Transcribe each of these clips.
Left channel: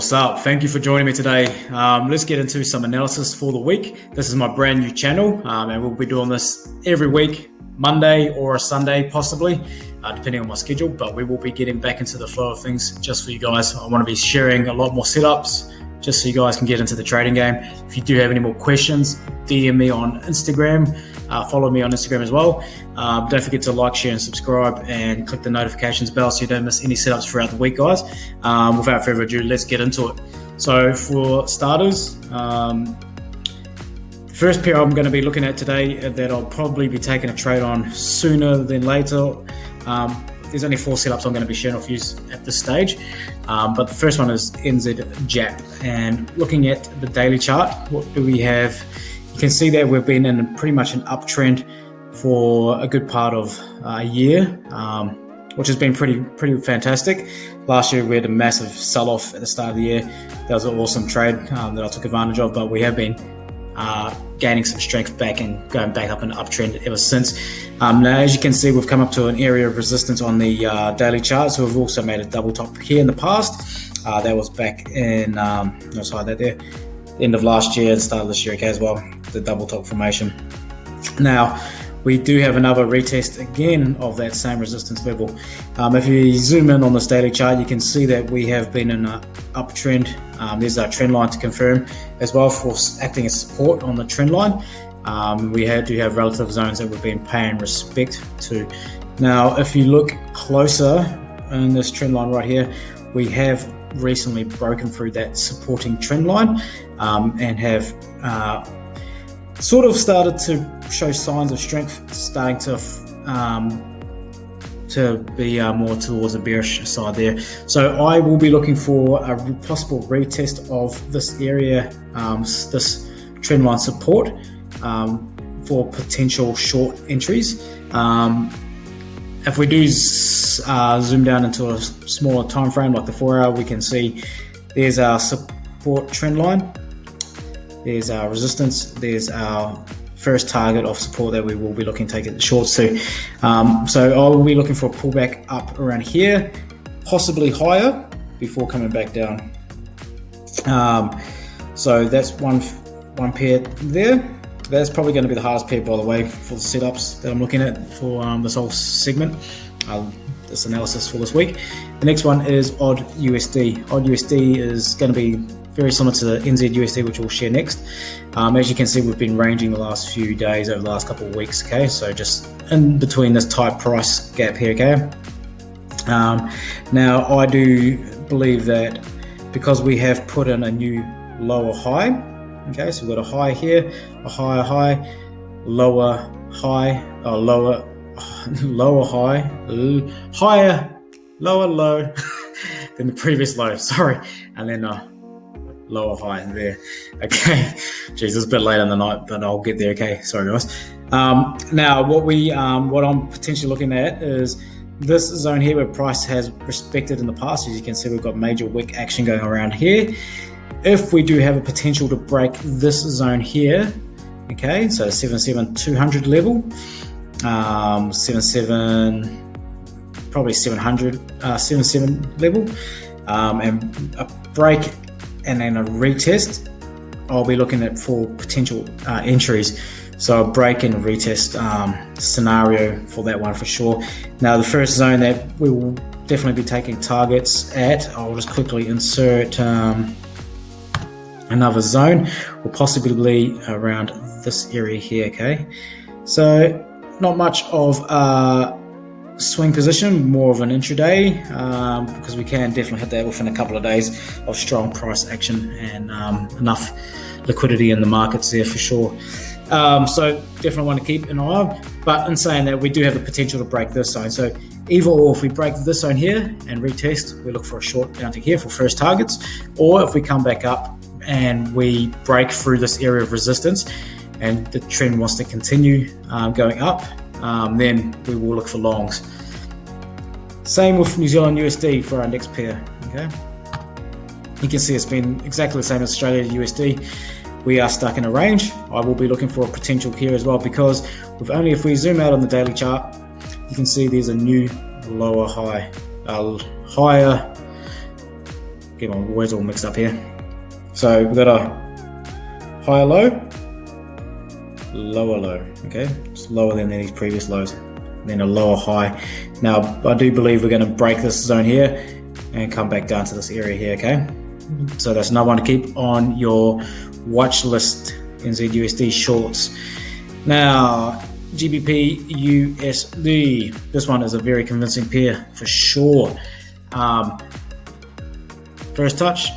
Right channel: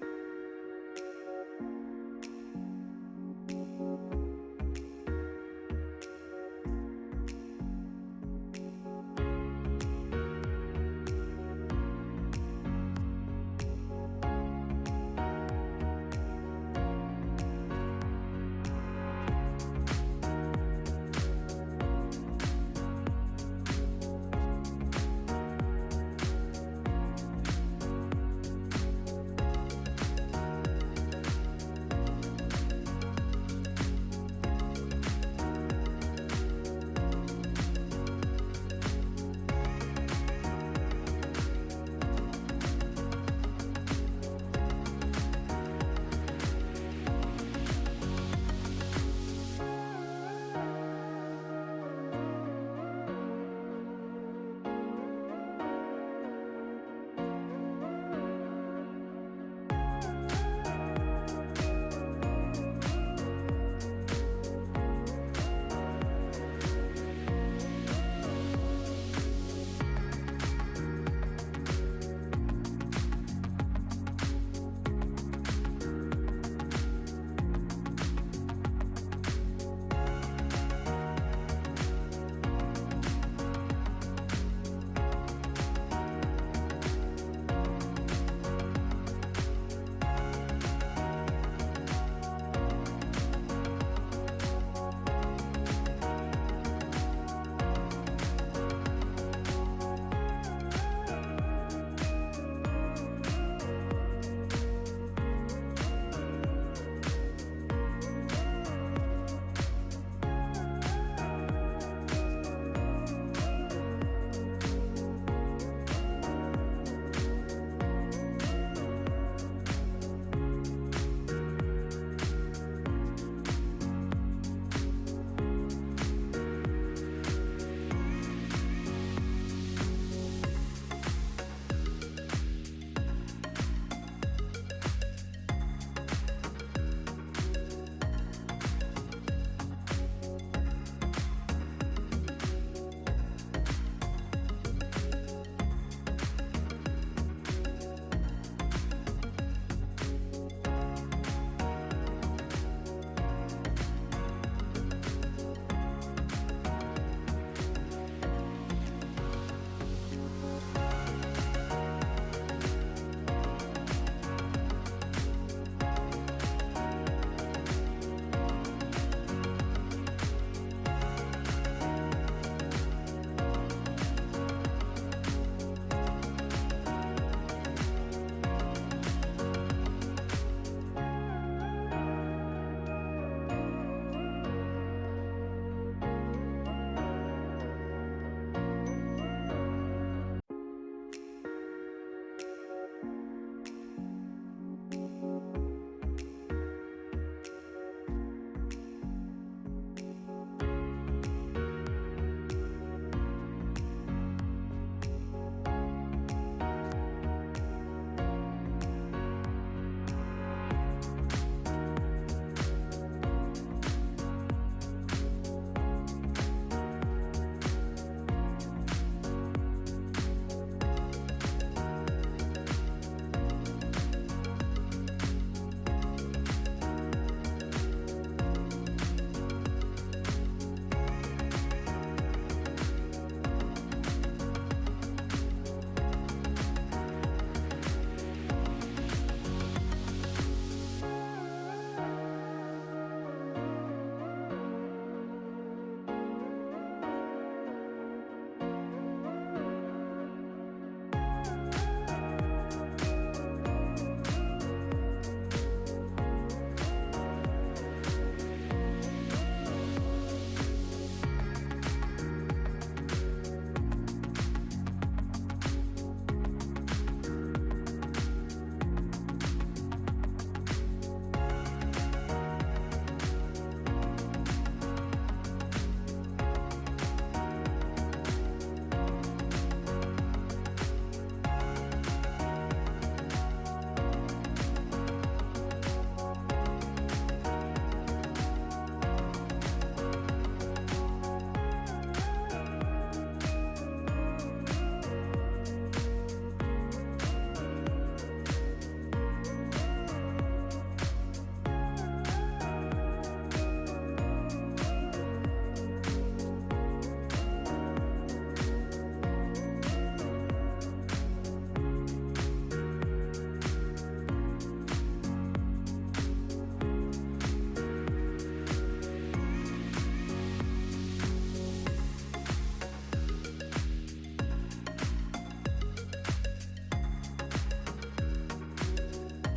What's up? Thank you for joining me today. Let's get into some analysis for the week. This is my brand new channel, and we'll be doing this every week, Monday or a Sunday possibly, depending on my schedule, but we will be getting back into the flow of things just for you guys. I want to be sharing a lot more setups just so you guys can get into the trading game. If you do have any more questions, DM me on Instagram, follow me on Instagram as well. Don't forget to like, share and subscribe and click the notifications bell so you don't miss any setups throughout the week, guys. Without further ado, let's get into it. So for starters, the first pair I'm going to be looking at today that I'll probably be taking a trade on sooner than later. There's only 4 setups I'm going to be sharing with you at this stage. But the first one is NZ-JAP. And looking at the daily chart, what do we have? You can see that we've been in pretty much an uptrend for a good part of a year, which has been pretty fantastic. Last year we had a massive sell-off at the start of the year. That was an awesome trade that I took advantage of, but we have been gaining some strength back and going back up in an uptrend ever since. Now, as you can see, we've come up to an area of resistance on the daily chart. So we've also made a double top here in the past. That was back in the end of last year and start of this year, okay, as well, the double top formation. Now, we do have another retest again of that same resistance level. If you zoom in on this daily chart, you can see that we have been in an uptrend. There's our trend line to confirm as well for acting as support on the trend line. We do have relative zones that we've been paying respect to. Now, if you look closer in this trend line right here, we have recently broken through that supporting trend line and have sort of started to show signs of strength, starting to be more towards the bearish side there. So I will be looking for a possible retest of this area, this trend line support for potential short entries. If we do zoom down into a smaller time frame like the 4-hour, we can see there's our support trend line, there's our resistance, there's our first target of support that we will be looking to take it shorts to. So I will be looking for a pullback up around here, possibly higher before coming back down. So that's one pair there. That's probably going to be the hardest pair, by the way, for the setups that I'm looking at for this whole segment, this analysis for this week. The next one is AUD USD. AUD USD is going to be very similar to the NZ USD, which we'll share next. As you can see, we've been ranging the last few days over the last couple of weeks, okay? So just in between this tight price gap here, okay? Now, I do believe that because we have put in a new lower high, okay, so we've got a high here, a higher high, lower high, lower high, higher, lower low than the previous low, sorry, and then lower high there, okay. Jeez, it's a bit late in the night, but I'll get there, okay, sorry guys. Now, what I'm potentially looking at is this zone here where price has respected in the past. As you can see, we've got major wick action going around here. If we do have a potential to break this zone here, okay, so 77,200 level, 77 level, and a break and then a retest, I'll be looking at for potential entries. So a break and retest scenario for that one for sure. Now, the first zone that we will definitely be taking targets at, I'll just quickly insert another zone, or possibly around this area here, okay? So not much of a swing position, more of an intraday, because we can definitely hit that within a couple of days of strong price action and enough liquidity in the markets there for sure. So definitely want to keep an eye on, but in saying that, we do have the potential to break this zone. So either or, if we break this zone here and retest, we look for a short bounty here for first targets, or if we come back up and we break through this area of resistance and the trend wants to continue going up, then we will look for longs. Same with New Zealand USD for our next pair, okay? You can see it's been exactly the same as Australia USD. We are stuck in a range. I will be looking for a potential here as well, because if we zoom out on the daily chart, you can see there's a new lower high, higher Get my words all mixed up here. So we've got a higher low, lower low, okay? It's lower than these previous lows, then a lower high. Now, I do believe we're going to break this zone here and come back down to this area here, okay? So that's another one to keep on your watch list, NZUSD shorts. Now, GBP USD. This one is a very convincing pair for sure. First touch,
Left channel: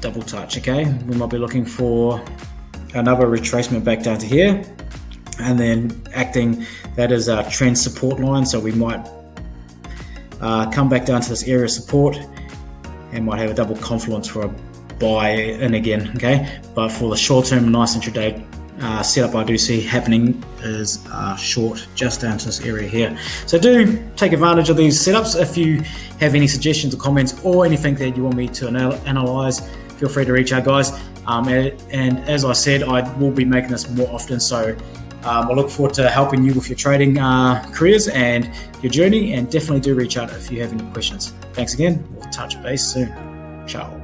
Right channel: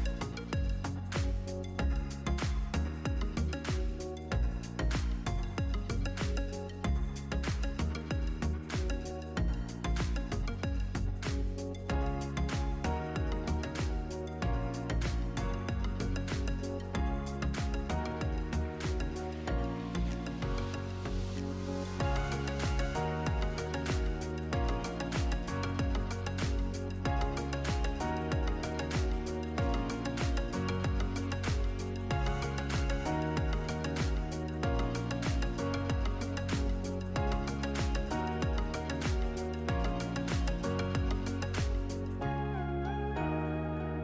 double touch, okay? We might be looking for another retracement back down to here, and then acting that is our trend support line. So we might come back down to this area of support and might have a double confluence for a buy in again, okay? But for the short term, nice intraday setup I do see happening is short just down to this area here. So do take advantage of these setups. If you have any suggestions or comments or anything that you want me to analyze, feel free to reach out, guys. And as I said, I will be making this more often, so I look forward to helping you with your trading careers and your journey, and definitely do reach out if you have any questions. Thanks again. We'll touch base soon. Ciao.